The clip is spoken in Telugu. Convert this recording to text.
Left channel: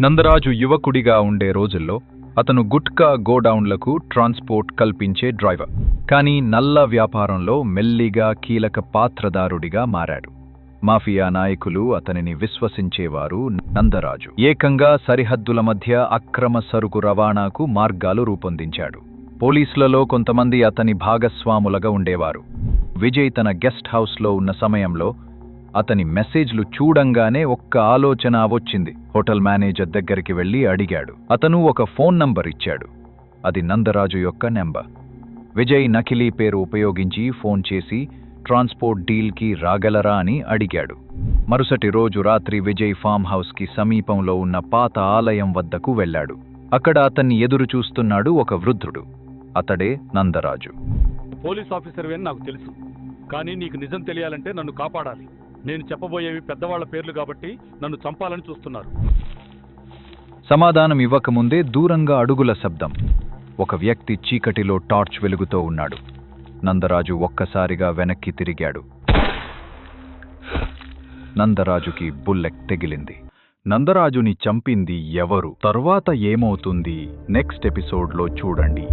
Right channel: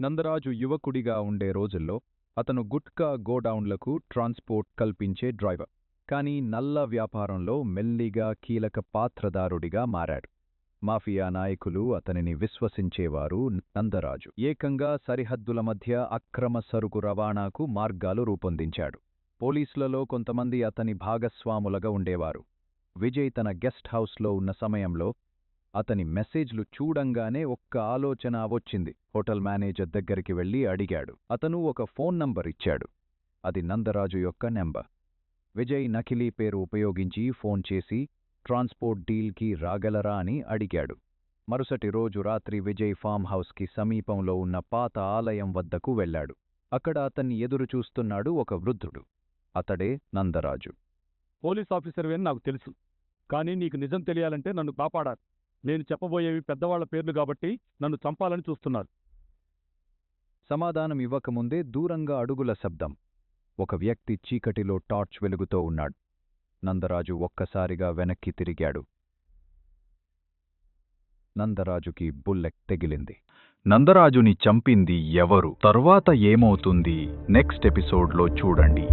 నందరాజు యువకుడిగా ఉండే రోజుల్లో అతను గుట్కా గోడౌన్లకు ట్రాన్స్పోర్ట్ కల్పించే డ్రైవర్. కానీ నల్ల వ్యాపారంలో మెల్లిగా కీలక పాత్రదారుడిగా మారాడు. మాఫియా నాయకులు అతనిని విశ్వసించేవారు. నందరాజు ఏకంగా సరిహద్దుల మధ్య అక్రమ సరుకు రవాణాకు మార్గాలు రూపొందించాడు. పోలీసులలో కొంతమంది అతని భాగస్వాములుగా ఉండేవారు. విజయ్ తన గెస్ట్ హౌస్లో ఉన్న సమయంలో అతని మెసేజ్లు చూడంగానే ఒక్క ఆలోచన వచ్చింది. హోటల్ మేనేజర్ దగ్గరికి వెళ్లి అడిగాడు. అతను ఒక ఫోన్ నంబర్ ఇచ్చాడు. అది నందరాజు యొక్క నెంబర్. విజయ్ నకిలీ పేరు ఉపయోగించి ఫోన్ చేసి ట్రాన్స్పోర్ట్ డీల్కి రాగలరా అని అడిగాడు. మరుసటి రోజు రాత్రి విజయ్ ఫామ్ హౌస్కి సమీపంలో ఉన్న పాత ఆలయం వద్దకు వెళ్లాడు. అక్కడ అతన్ని ఎదురు చూస్తున్నాడు ఒక వృద్ధుడు. అతడే నందరాజు. పోలీస్ ఆఫీసర్ అని నాకు తెలుసు, కానీ నీకు నిజం తెలియాలంటే నన్ను కాపాడాలి. నేను చెప్పబోయేవి పెద్దవాళ్ల పేర్లు కాబట్టి నన్ను చంపాలని చూస్తున్నారు. సమాధానం ఇవ్వకముందే దూరంగా అడుగుల శబ్దం. ఒక వ్యక్తి చీకటిలో టార్చ్ వెలుగుతూ ఉన్నాడు. నందరాజు ఒక్కసారిగా వెనక్కి తిరిగాడు. నందరాజుకి బుల్లెట్ తెగిలింది. నందరాజుని చంపింది ఎవరు? తర్వాత ఏమవుతుంది? నెక్స్ట్ ఎపిసోడ్లో చూడండి.